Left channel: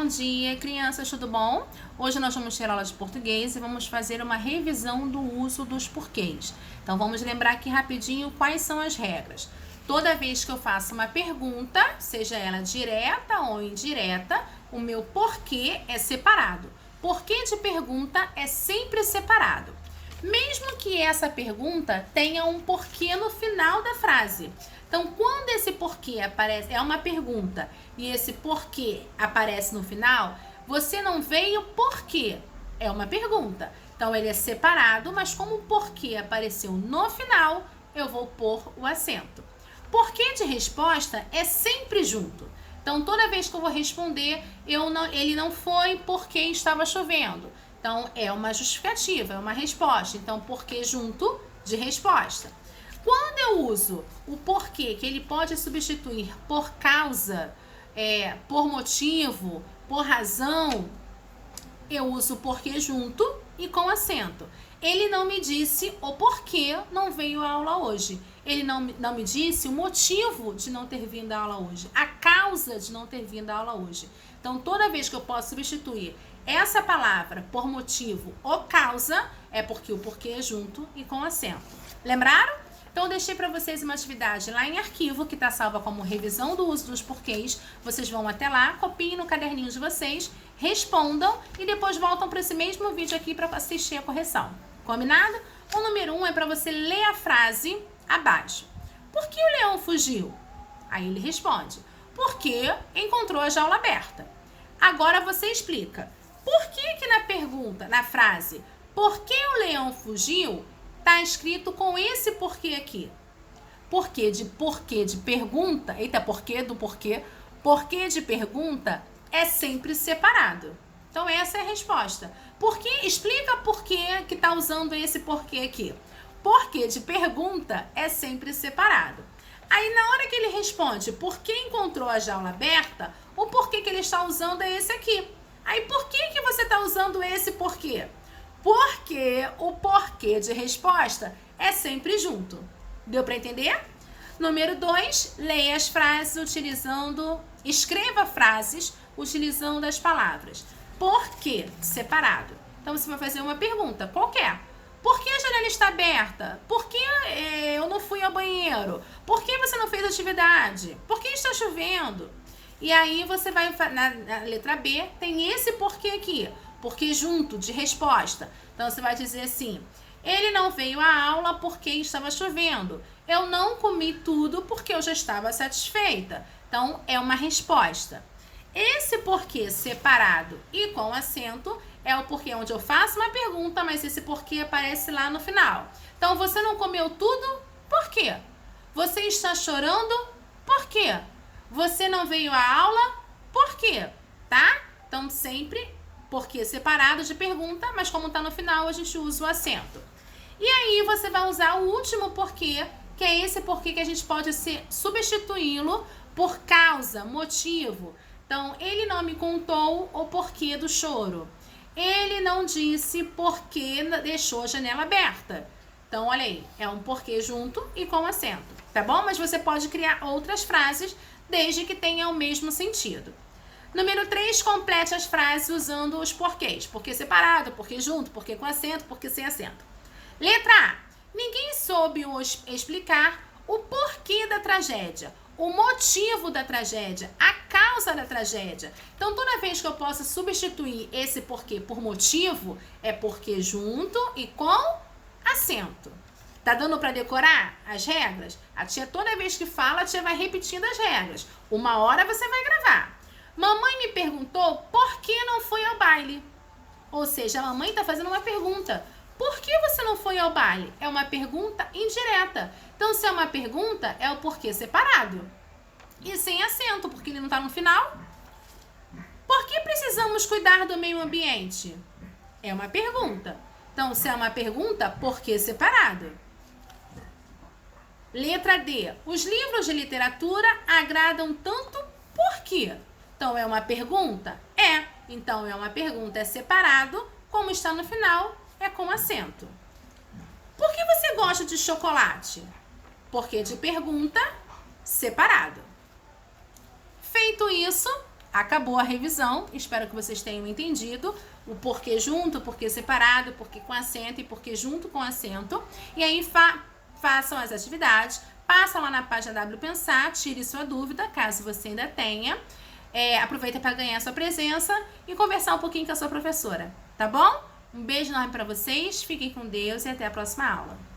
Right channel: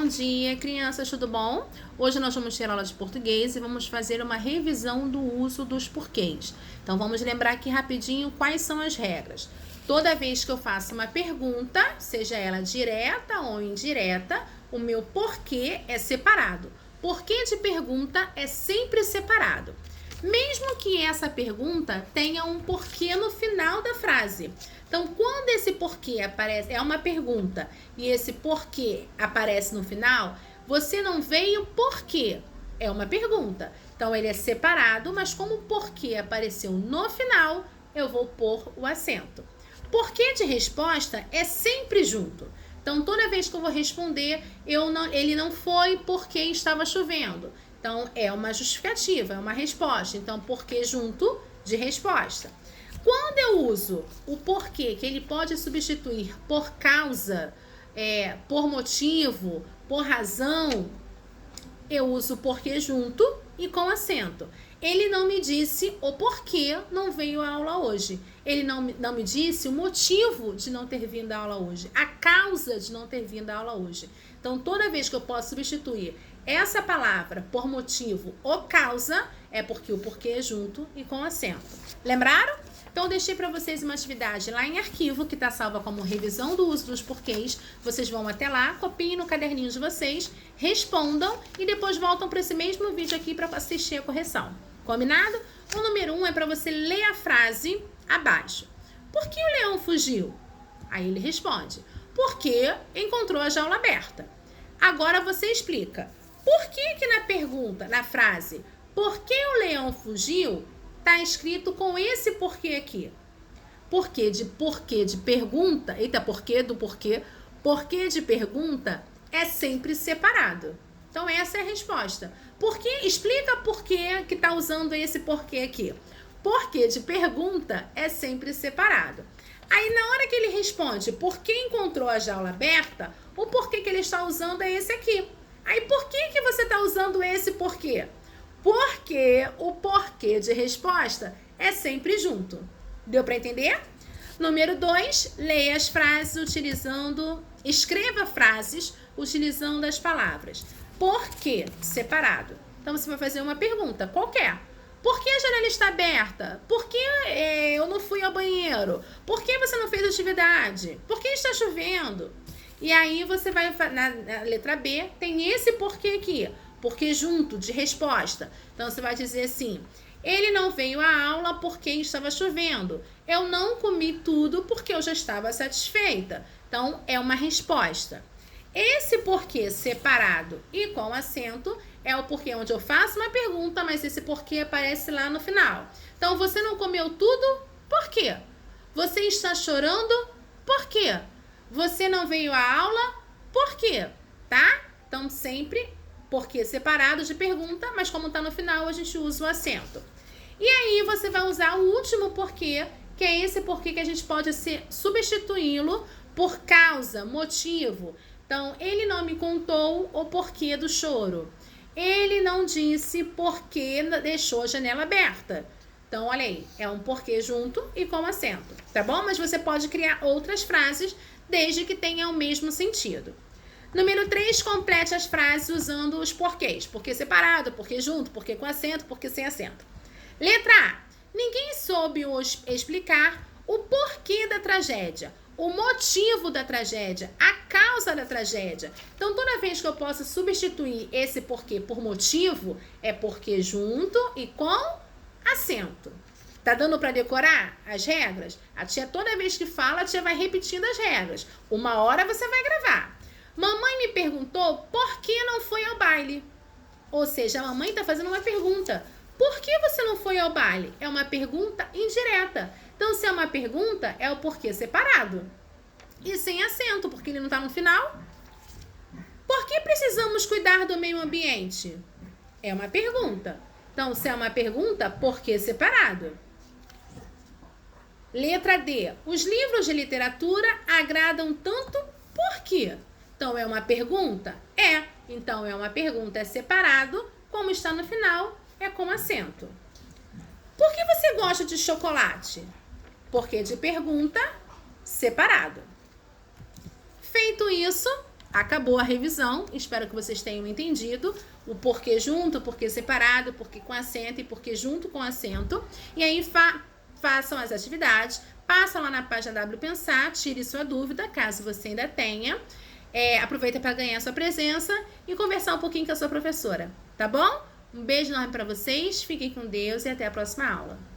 Bom dia, crianças, tudo bom? Hoje nós vamos ter aula de português e vamos fazer uma revisão do uso dos porquês. Então vamos lembrar aqui rapidinho quais são as regras. Toda vez que eu faço uma pergunta, seja ela direta ou indireta, o meu porquê é separado. Porquê de pergunta é sempre separado. Mesmo que essa pergunta tenha um porquê no final da frase. Então, quando esse porquê aparece, é uma pergunta, e esse porquê aparece no final, você não veio por quê? É uma pergunta. Então, ele é separado, mas como o porquê apareceu no final, eu vou pôr o acento. Porquê de resposta é sempre junto. Então, toda vez que eu vou responder, ele não foi porque estava chovendo. Então, é uma justificativa, é uma resposta. Então, porquê junto de resposta. Quando eu uso o porquê, que ele pode substituir por causa, por motivo, por razão, eu uso o porquê junto e com acento. Ele não me disse o porquê não veio à aula hoje. Ele não me disse o motivo de não ter vindo à aula hoje. A causa de não ter vindo à aula hoje. Então, toda vez que eu posso substituir essa palavra por motivo ou causa, é porque o porquê é junto e com acento. Lembraram? Então, eu deixei para vocês uma atividade lá em arquivo, que está salva como revisão do uso dos porquês. Vocês vão até lá, copiem no caderninho de vocês, respondam e depois voltam para esse mesmo vídeo aqui para assistir a correção. Combinado? O número 1 é para você ler a frase abaixo. Por que o leão fugiu? Aí ele responde, porque encontrou a jaula aberta. Agora você explica. Por que na pergunta, na frase, por que o leão fugiu, está escrito com esse porquê aqui? Porquê de pergunta, porquê de pergunta é sempre separado. Então, essa é a resposta. Explica por que está usando esse porquê aqui. Porquê de pergunta é sempre separado. Aí, na hora que ele responde por que encontrou a jaula aberta, o porquê que ele está usando é esse aqui. Aí, por que você está usando esse porquê? Porque o porquê de resposta é sempre junto. Deu para entender? Número 2, leia as frases escreva frases utilizando as palavras. Por que separado? Então, você vai fazer uma pergunta qualquer. Por que a janela está aberta? Por que eu não fui ao banheiro? Por que você não fez atividade? Por que está chovendo? E aí, você vai, na letra B, tem esse porquê aqui. Porque junto de resposta. Então, você vai dizer assim, ele não veio à aula porque estava chovendo. Eu não comi tudo porque eu já estava satisfeita. Então, é uma resposta. Esse porquê separado e com acento é o porquê onde eu faço uma pergunta, mas esse porquê aparece lá no final. Então, você não comeu tudo? Por quê? Você está chorando? Por quê? Você não veio à aula? Por quê? Tá? Então, sempre porquê separado de pergunta, mas como está no final, a gente usa o acento. E aí, você vai usar o último porquê, que é esse porquê que a gente pode substituí-lo por causa, motivo. Então, ele não me contou o porquê do choro. Ele não disse porquê deixou a janela aberta. Então, olha aí, é um porquê junto e com acento, tá bom? Mas você pode criar outras frases, desde que tenha o mesmo sentido. Número 3, complete as frases usando os porquês. Porquê separado, porquê junto, porquê com acento, porquê sem acento. Letra A. Ninguém soube explicar o porquê da tragédia, o motivo da tragédia, a causa da tragédia. Então, toda vez que eu possa substituir esse porquê por motivo, é porquê junto e com acento. Tá dando para decorar as regras? A tia, toda vez que fala, a tia vai repetindo as regras. Uma hora você vai gravar. Mamãe me perguntou por que não foi ao baile. Ou seja, a mamãe está fazendo uma pergunta. Por que você não foi ao baile? É uma pergunta indireta. Então, se é uma pergunta, é o porquê separado. E sem acento, porque ele não está no final. Por que precisamos cuidar do meio ambiente? É uma pergunta. Então, se é uma pergunta, porquê separado. Letra D. Os livros de literatura agradam tanto por quê? Então, é uma pergunta? É. Então, é uma pergunta, é separado. Como está no final, é com acento. Por que você gosta de chocolate? Porque de pergunta, separado. Feito isso, acabou a revisão. Espero que vocês tenham entendido o porquê junto, o porquê separado, o porquê com acento e porquê junto com acento. E aí façam as atividades, passa lá na página WPensar, tire sua dúvida, caso você ainda tenha. Aproveita para ganhar sua presença e conversar um pouquinho com a sua professora, tá bom? Um beijo enorme para vocês, fiquem com Deus e até a próxima aula.